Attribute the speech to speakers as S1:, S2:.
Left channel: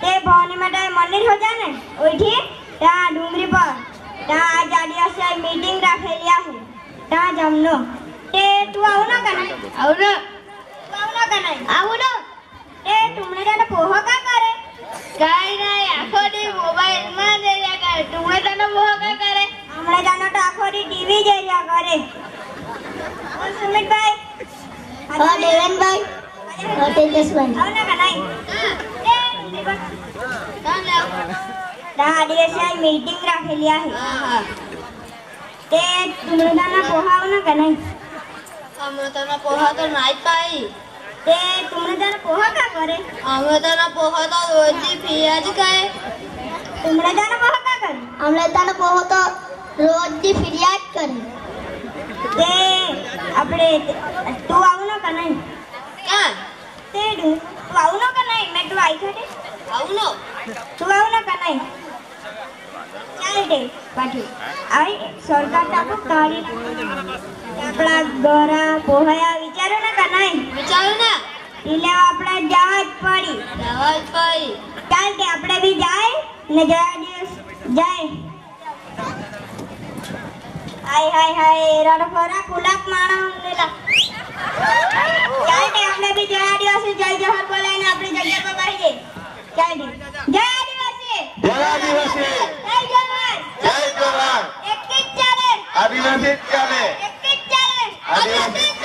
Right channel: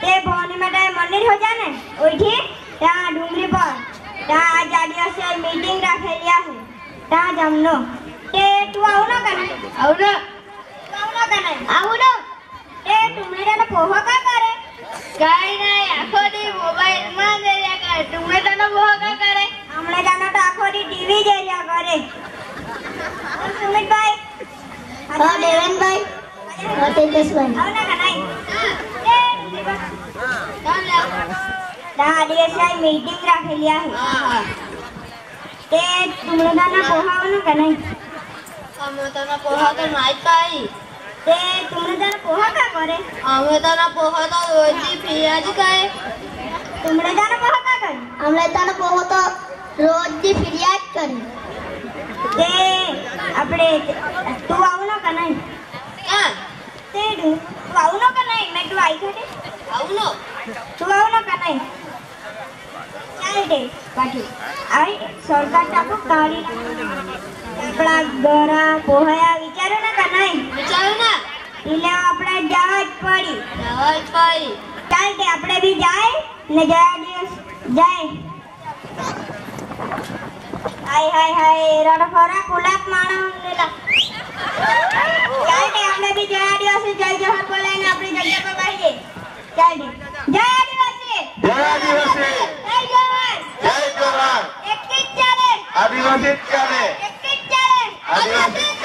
S1: તે ભવાની માતા મંદિર હો જાને ઓઈઠી ત્યાં ડુંગરી પર ત્યાં જાડિયાસિયાલ મીટિંગ રાખેલી આહે ત્યાં જમનો. તે તું આવું ના કરે. આવું ના. આવું ના કરે. આવું ના. તે તુમને તને પોહો કા કરે?
S2: કાઈ નહીં આખો દી મોબાઈલમાં જ રહ્યા કરે. તુમને તને પોહો કા કરે?
S1: હમણે જાનો તો આખો દી ટીવી જ રહ્યા કરે. સુમિતભાઈ.
S2: હા દેવેનભાઈ. હા તેજસભાઈ.
S1: આવું ના કરે ત્યાં આદિવાસી મીટિંગ રાખેલી आहे તે તુમને જાને પોહો આવો ના કને
S2: અમે તને પોહા તો નાઈ પાઈ
S1: તે તુમને જાને પોહો કા કરે
S2: અમે તને પોહા તો રોજી ફિયાજી કહે
S1: તુમને જાને પોહો કા કરે
S2: અમે તને પોહો તો રોજી ફિરિયાદ કરી
S1: તે આપણે તું આવું ન કને
S2: ક્યાં
S1: તે તું તું આવું ન કને મેં તું આવી છે
S2: આવું નો
S1: તું આવું ન કને ચાલ પાછી આવી આપણા ગરા પોહયા વિચારો ને કનાઈ
S2: વિચારું ના.
S1: એટલે આપણા જવા જ પડી.
S2: પાઈ
S1: ચાલ તે આપણે બી જાય ને ગયા દિવસ જાય. હાય હાય હાય રડફોરા કુલાક માણા મંગેલા
S3: চ্যালেঞ্জ